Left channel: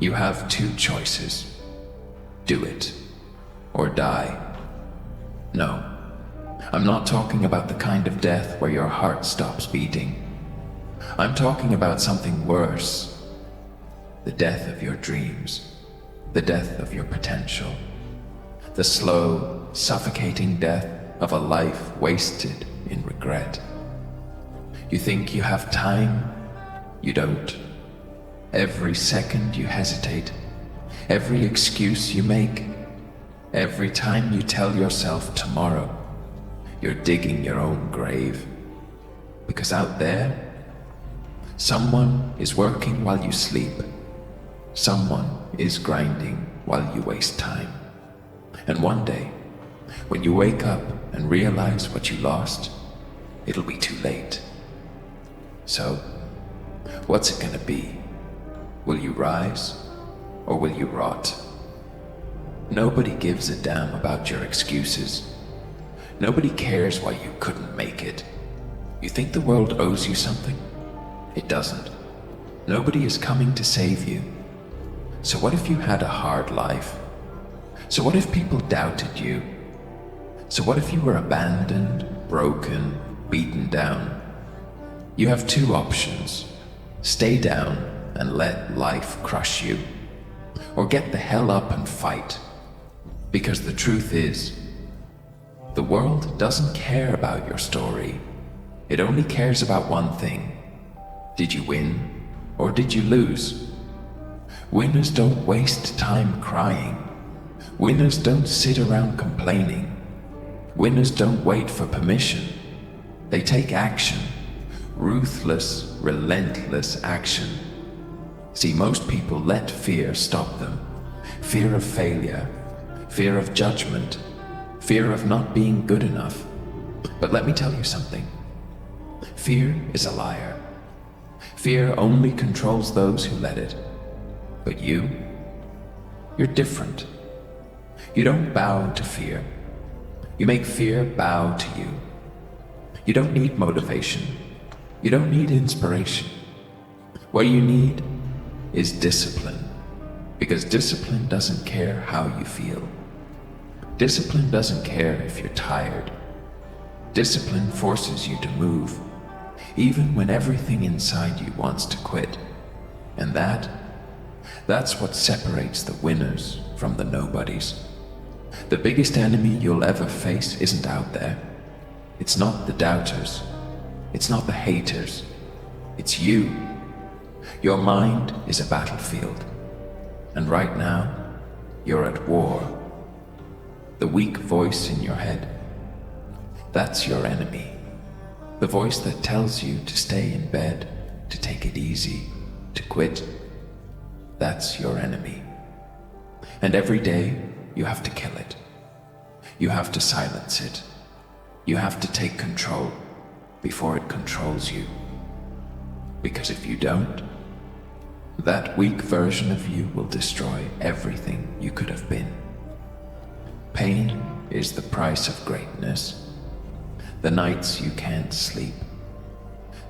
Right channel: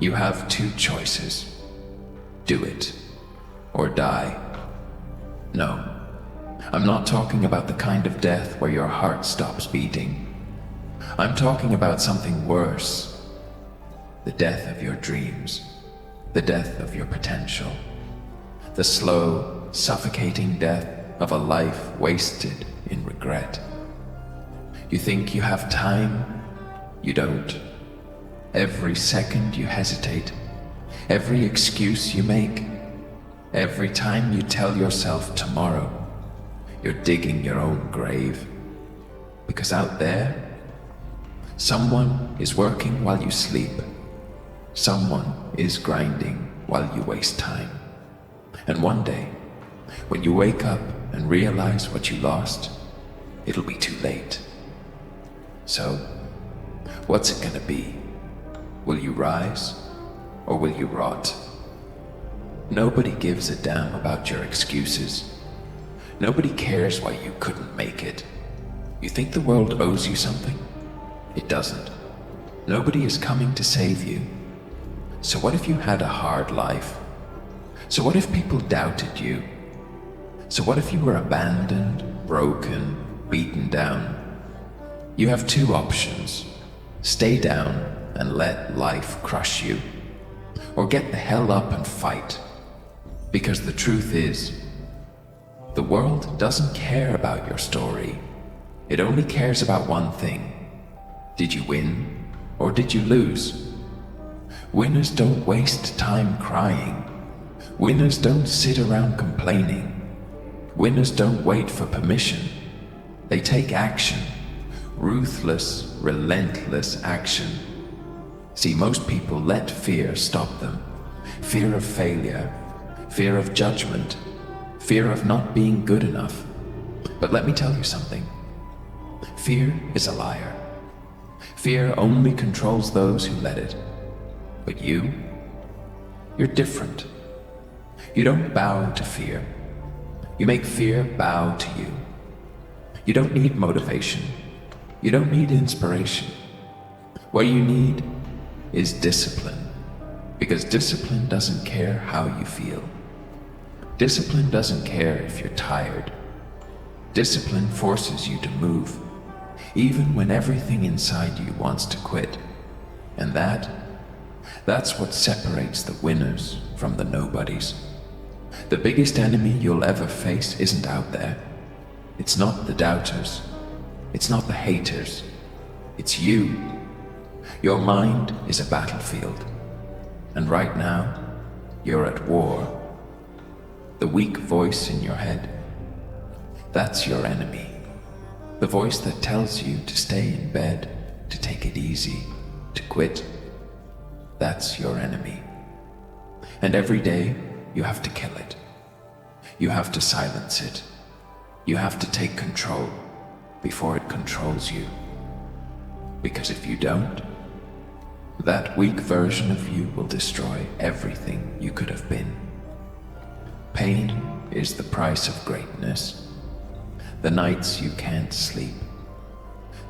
You have two choices. Do it, or die. No, I'm not talking about the kind of death where your heart stops beating. I'm talking about something worse. The death of your dreams, the death of your potential, the slow, suffocating death of a life wasted in regret. You think you have time? You don't. Every second you hesitate, every excuse you make, every time you tell yourself tomorrow, you're digging your own grave. Because out there, someone is working while you sleep. Someone is grinding while you waste time. And one day, when you wake up and realize what you lost, it'll be too late. So, what's it gonna be? Will you rise, or will you rot? Nobody gives a damn about your excuses. Nobody cares why you couldn't make it. You think the world owes you something? It doesn't. Nobody is coming to save you. So what if you had a hard life? So what if people doubted you? So what if you were abandoned, broken, beaten down? You have two options. Stay down and let life crush you. Or get the hell up and fight. Because the truth is, the world doesn't care about your story. It only cares about one thing. Did you win, or did you lose? Winners don't waste time crying. Winners don't sit around complaining. Winners don't wait for permission. They take action. Ruthless, relentless action. See, most people let fear stop them. Fear of failure, fear of judgment, fear of not being good enough. But let me tell you something. Fear is a liar. Fear only controls those who let it. But you're different. You don't bow to fear. You make fear bow to you. You don't need motivation. You don't need inspiration. What you need is discipline. Because discipline doesn't care how you feel. Discipline doesn't care if you're tired. Discipline forces you to move, even when everything inside you wants to quit. And that's what separates the winners from the nobodies. The biggest enemy you'll ever face isn't out there. It's not the doubters. It's not the haters. It's you. Your mind is a battlefield. And right now, you're at war. The weak voice in your head, that's your enemy. The voice that tells you to stay in bed, to take it easy, to quit, that's your enemy. And every day, you have to kill it. You have to silence it. You have to take control before it controls you. Because if you don't, that weak version of you will destroy everything you could have been. Pain is the price of greatness. The nights you can't sleep.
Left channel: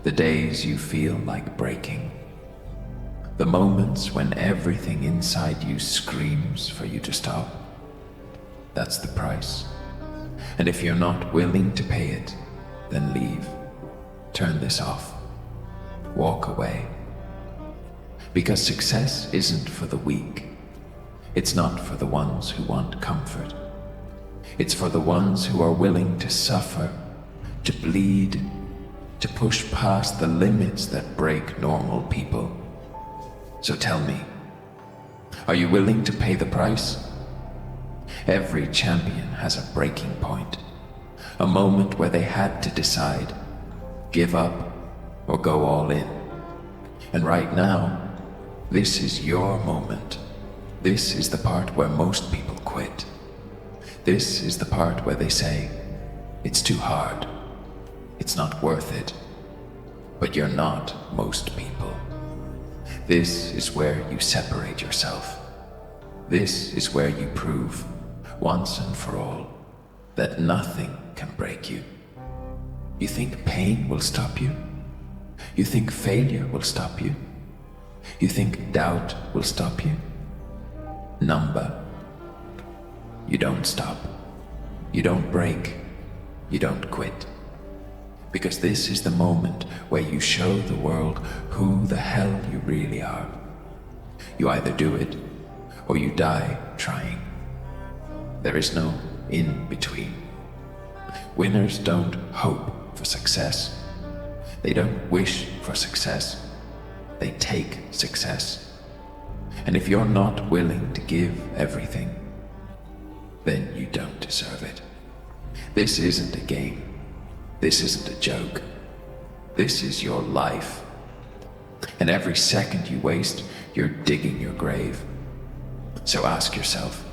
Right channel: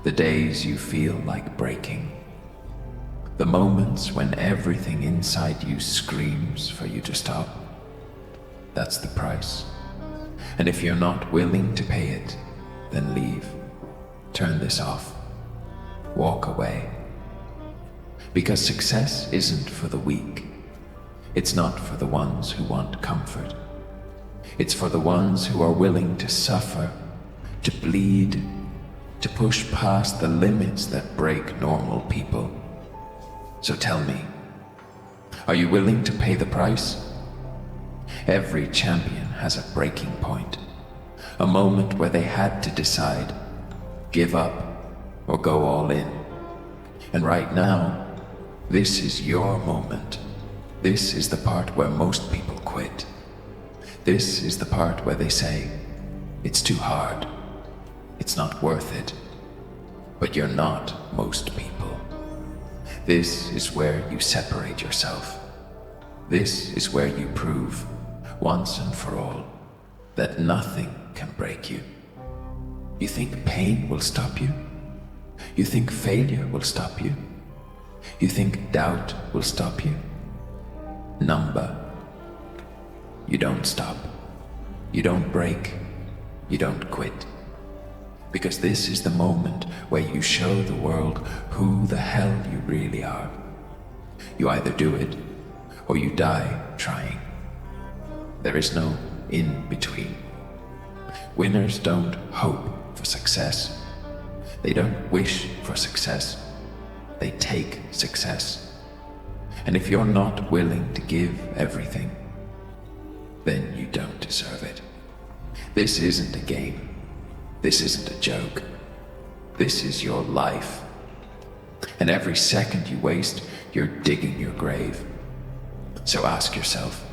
The days you feel like breaking. The moments when everything inside you screams for you to stop. That's the price. And if you're not willing to pay it, then leave. Turn this off. Walk away. Because success isn't for the weak. It's not for the ones who want comfort. It's for the ones who are willing to suffer, to bleed, to push past the limits that break normal people. So tell me, are you willing to pay the price? Every champion has a breaking point, a moment where they had to decide, give up or go all in. And right now, this is your moment. This is the part where most people quit. This is the part where they say, it's too hard. It's not worth it. But you're not most people. This is where you separate yourself. This is where you prove, once and for all, that nothing can break you. You think pain will stop you? You think failure will stop you? You think doubt will stop you? Number. You don't stop. You don't break. You don't quit. Because this is the moment where you show the world who the hell you really are. You either do it, or you die trying. There is no in between. Winners don't hope for success. They don't wish for success. They take success. And if you're not willing to give everything, then you don't deserve it. This isn't a game. This isn't a joke. This is your life. And every second you waste, you're digging your grave. So ask yourself,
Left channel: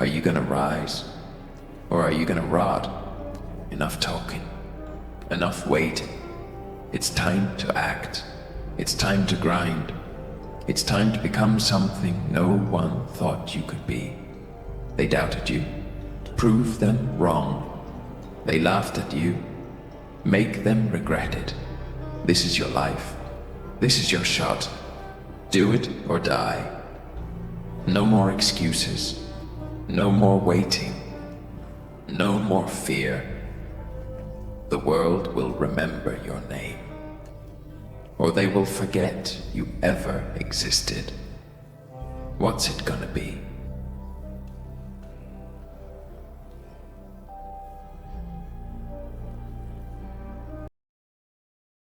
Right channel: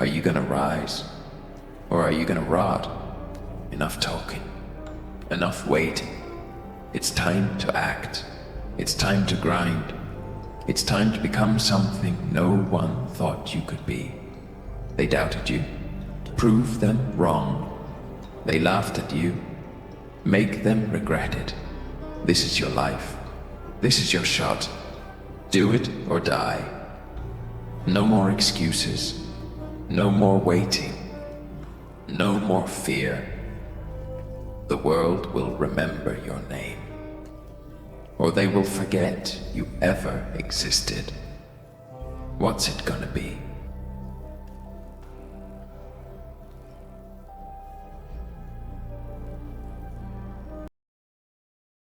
are you gonna rise? Or are you gonna rot? Enough talking. Enough waiting. It's time to act. It's time to grind. It's time to become something no one thought you could be. They doubted you. Prove them wrong. They laughed at you. Make them regret it. This is your life. This is your shot. Do it or die. No more excuses. No more waiting. No more fear. The world will remember your name. Or they will forget you ever existed. What's it gonna be?